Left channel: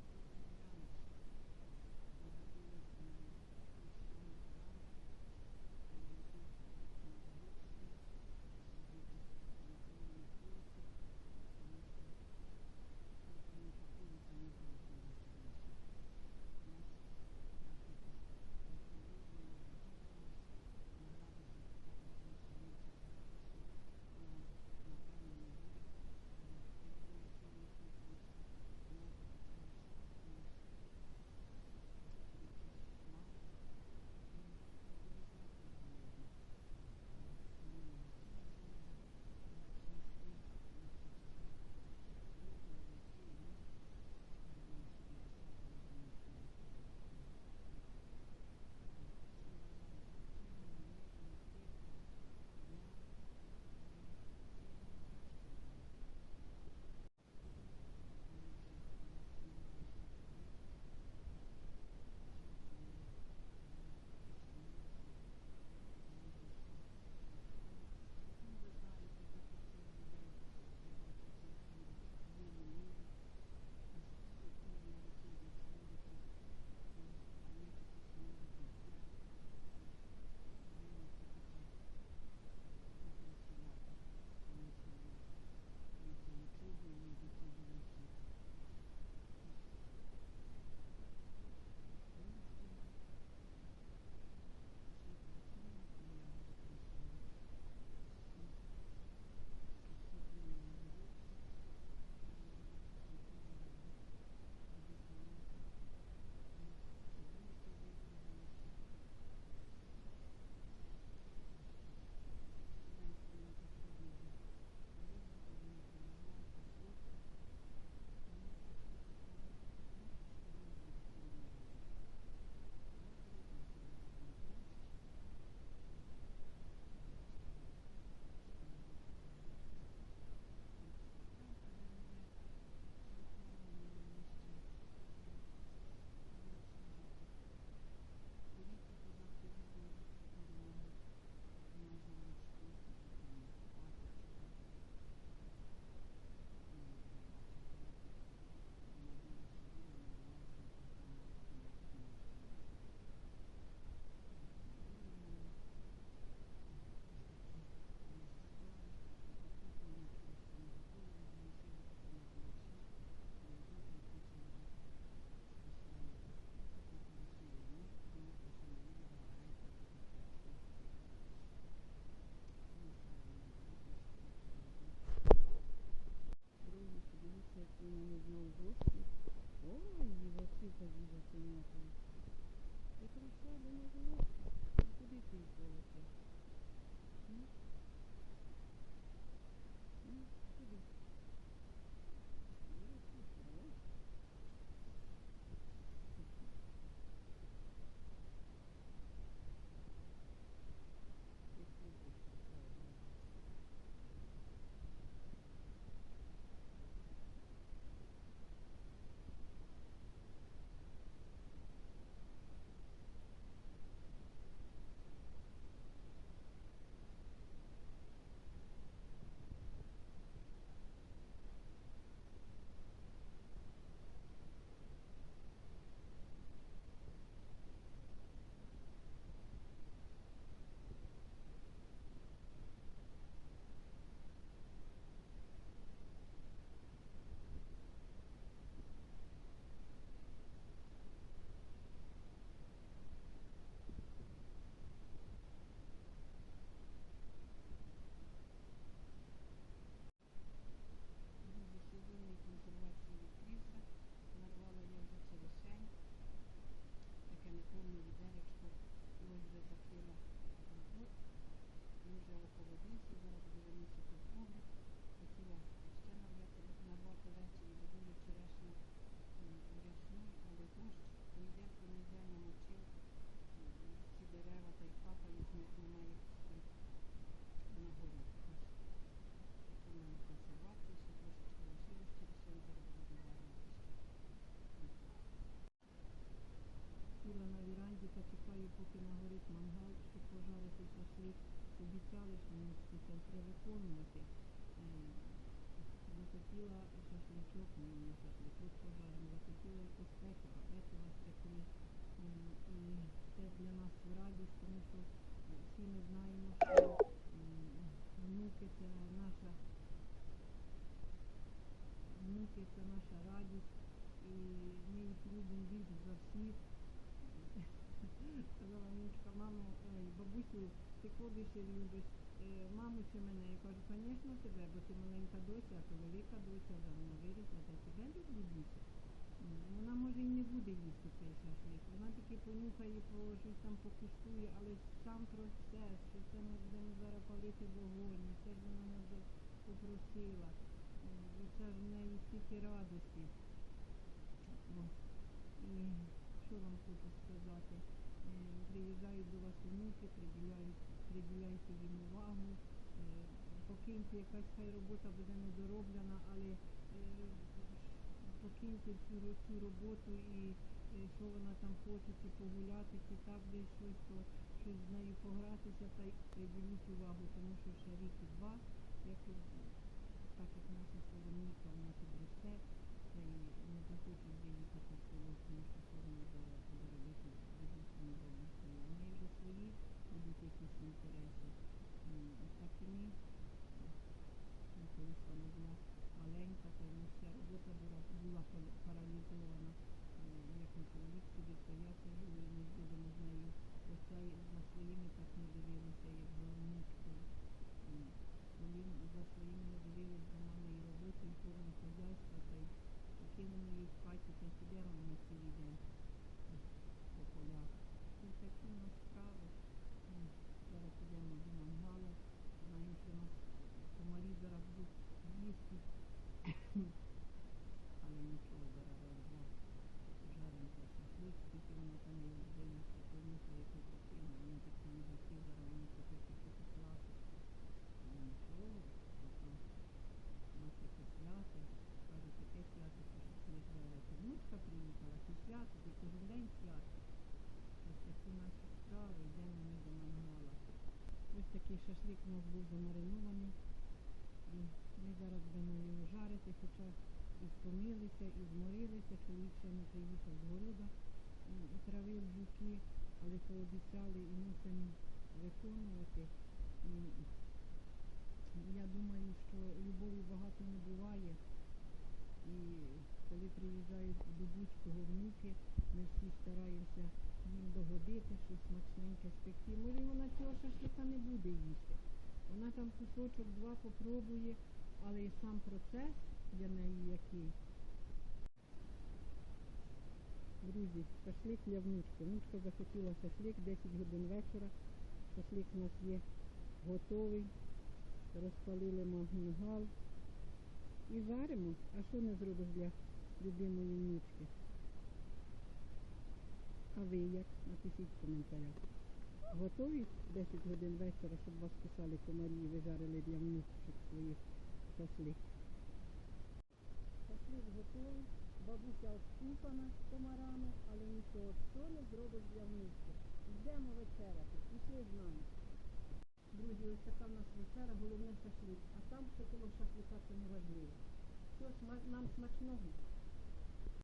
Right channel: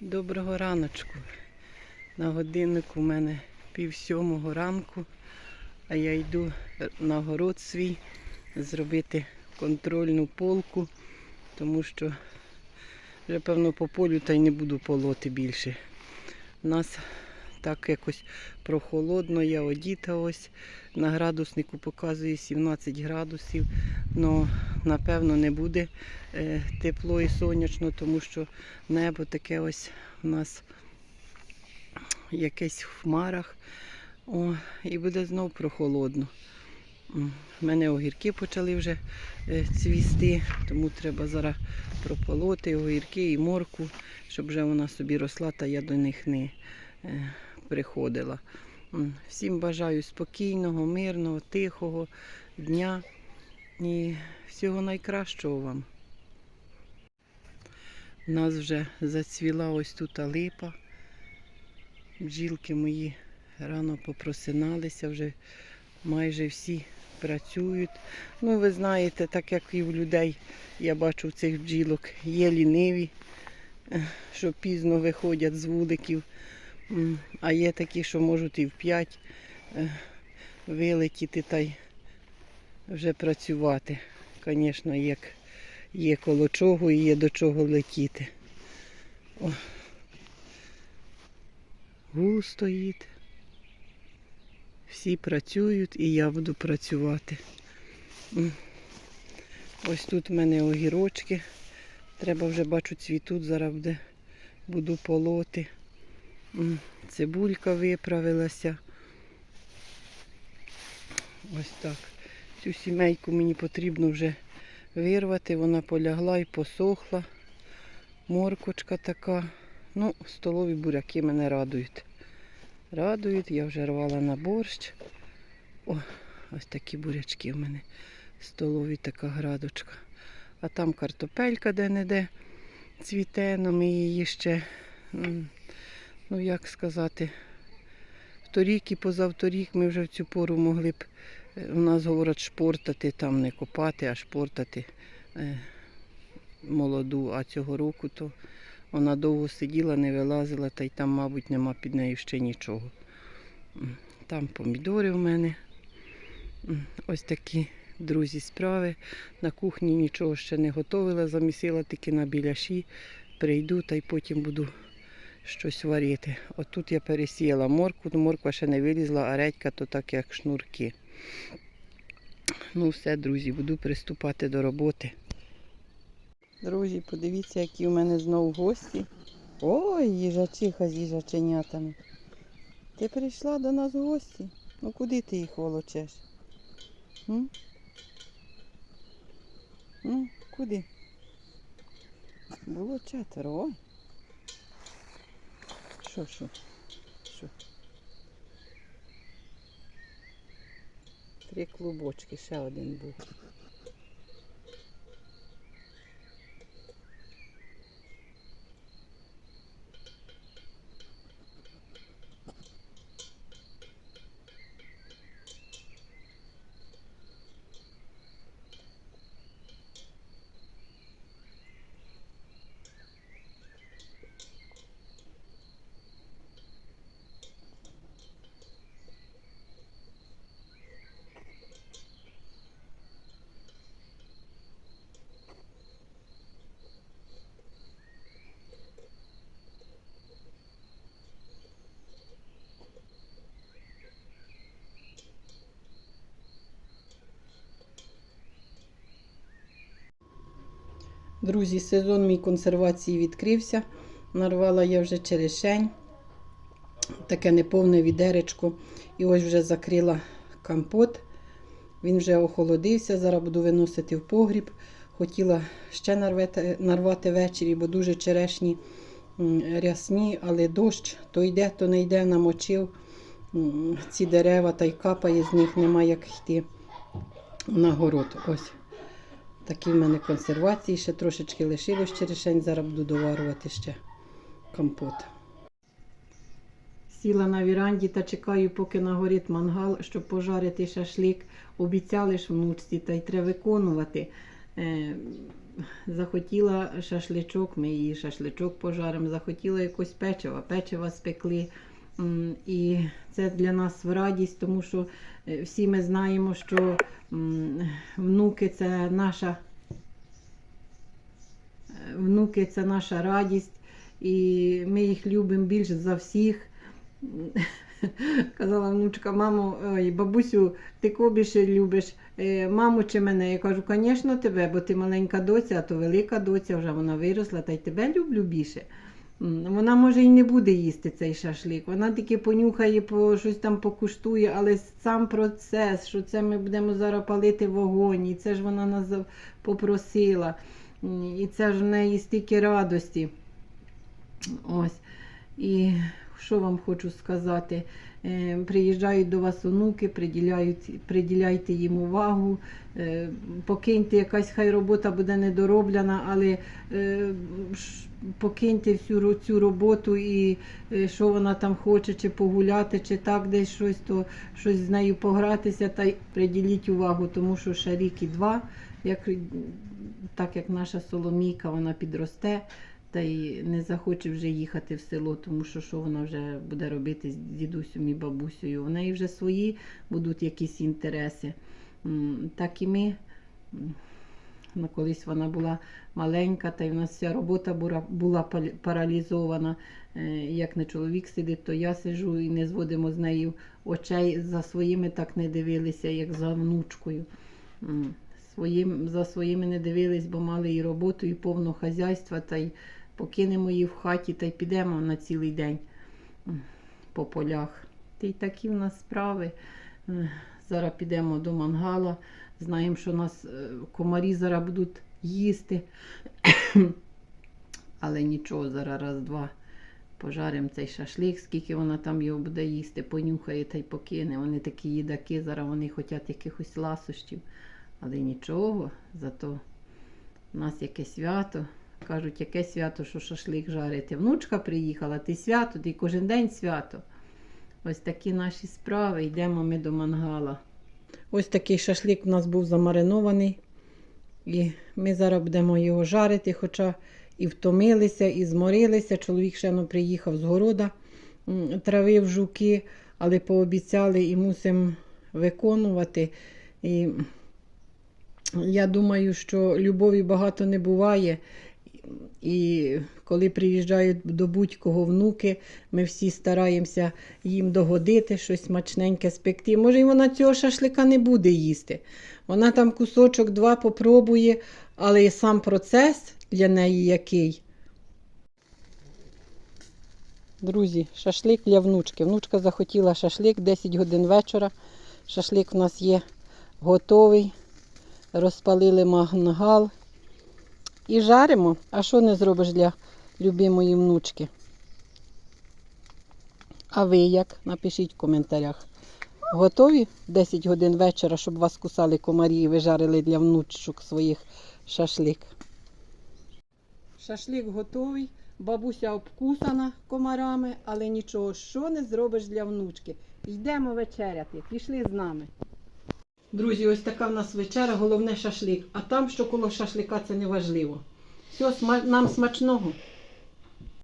Доброго раночку. На годиннику у мене пів сьомого ранку, а я йду на город свій зробити контрольну полку, тому що вже певно по полю та й не буду полоти більше. У нас так якось прохолодно, я одіта ось. На градуснику показує 17 градусів. але напевно не буде тепло і сонячно, тому що небо таке ось у нас якесь в хмарах. О, і буде знов прохолодно. У мене огірки почали вже е, цвісти, тому треба зараз прополоти огірки і морку, щоб вже вона собі росла, та я до них не е, приходила. Всім бажаю спокійного, мирного, тихого дня і всього найкращого вам. У нас вже зацвіла ось тут липа. Бджілки мої рано попросиналися, вже майже всі працюють. Ну, ви знаєте, так як і в людей, я бачу в цих бджілок, є ліниві, е, що пізно виходять з вуликів, а є такі, що можуть і в п'ять е, вилетіти та й вже працювати. Звісно, як є коло чого і є до чого летіти. О. Гул стоїть. Всі працюють і я буду працювати. Ось тут в мене огірочки. Треба вже бачу цвітуть, зараз буде, буду полоти. Цибулька виправилася. Ось так. Цю сімейку мені потрібно вже вирвати. Вона полягла і посохла. Моркочка така. Ну, столові буряки мене радують. Радують, я вже рвала на борщ. О, ось такі бурячки в мене. Столові така градочка. А там картопелька де-не-де цвіте, но ми її ще, ну як сказати, вторік і позавторік ми вже в цю пору могли б, у нас говорять, шпортати, там не копати, а шпортати е, молоду. А цього року то вона довго сиділа, не вилазила, та й там, мабуть, нема під нею ще нічого. Там помідори в мене. Ось такі, друзі, справи. На кухні нічого ще не готувала, замісила тільки на біляші. Прийду та й потім буду щось варити. Отут я пересіяла моркву, ну, морква ще не вилізла, а редька то так як шнурки. Ну все, друзі, буду приступати до роботи. Друзі, подивіться, які у мене знову гості. Ой, їжачиха з їжаченятами. Ти прийшла до нас в гості? Ну куди ти їх волочеш? М? Ну, куди? Було четверо. Що, що? Що? Три клубочки, ще один був. Друзі, сезон мій консервації відкрився. Нарвала я вже черешень, таке неповне відеречко. І ось вже закрила компот. Він вже охолодився. Зараз буду виносити в погріб. Хотіла ще нарвати, нарвати ввечері, бо дуже черешні рясні, але дощ то йде, то не йде, намочив ці дерева та й капає з них, нема як йти на город. Ось. Такі в мене консервації, ще трошечки лишилось черешень, зараз буду доварювати ще компот. Сіла на віранді та чекаю, поки нагорить мангал, щоб пожарити шашлик. Обіцяли ж внучці, та й треба виконувати. Е, захотіла шашличок, ми її шашличок пожаримо, захотіла якось печива, печива спекли. І це для нас радість, тому що е, всі ми знаємо, що внуки це наша е, внуки це наша радість, і ми їх любимо більше за всіх. Казала внучка, мамо, ой, бабусю, ти кого любиш, е, маму чи мене? Я кажу, звісно, тебе, бо ти маленька доця, а то велика доця, вже вона виросла, та й тебе люблю більше. Вона може і не буде їсти цей шашлик. Вона тільки понюхає, по щось там покуштує, але сам процес, що це ми будемо зараз палити вогонь, і це ж вона нас попросила. І це ж в неї стільки радості. Ось. І що вам хочу сказати? Е, Приїжджають до вас онуки, приділяйте їм увагу. Е, Покиньте, якась хай робота буде недороблена, але е, покиньте всю цю роботу і е, що вона там хоче, чи погуляти, чи так десь щось, то щось з нею погратися, та й приділіть увагу, тому що ще рік і два, як, так як наша Соломійка, вона підросте та й не захоче вже їхати в село, тому що що вона вже буде робити з дідусем і бабусею. У неї вже свої будуть якісь інтереси. Так і ми. Ну, колись вона була маленька, та й в нас вся робота була, була паралізована. Е, Як не чоловік сидить, то я сижу і не зводимо з нею очей за своїми так не дивилися, як за внучкою. Своїм, за своїми не дивились, бо мали і роботу, і повно хазяйства, та й покинемо її в хаті та й підемо на цілий день по полях. Та й такі в нас справи. Е, Зараз підемо до мангала. Знаємо, що нас е, комарі зараз будуть їсти. Але нічого, зараз раз-два пожаримо цей шашлик, скільки вона там його буде їсти, понюхає та й покине. Вони такі їдаки, зараз вони хочуть якихось ласощів. Але нічого, зато у нас яке свято. Кажуть, яке свято, що шашлик жарити. Внучка приїхала, ти свято, ти кожен день свято. Ось такі наші справи. Йдемо ми до мангала. Ось такий шашлик у нас був замаринований. І ми зараз будемо його жарити, хоча і втомилися, і зморилися. Чоловік ще ну, приїхав з города, травив жуки, але пообіцяли і мусимо виконувати. І я думаю, що любові багато не буває. І коли приїжджають до будь-кого внуки, ми всі стараємося їм догодити, щось смачненьке спекти. Може, і вона цього шашлика не буде їсти. Вона там кусочок два попробує, але і сам процес для неї який. Друзі, шашлик для внучки. Внучка захотіла шашлик 10 годин вечора. Шашлик у нас є готовий. Розпалили мангал. І жаримо. А що не зробиш для любимої внучки? А ви як? Напишіть в коментарях. Готові 10 годин вечора, щоб вас кусали комарі і ви жарили для внучок своїх шашлик. Шашлик готовий, бабуся обкусана комарами, але нічого, що не зробиш для внучки. Йдемо вечеряти, пішли з нами. Друзі, ось така в нас вечеря, головне шашлик. А там, що коло шашлика, це не важливо. Все, нам смачного.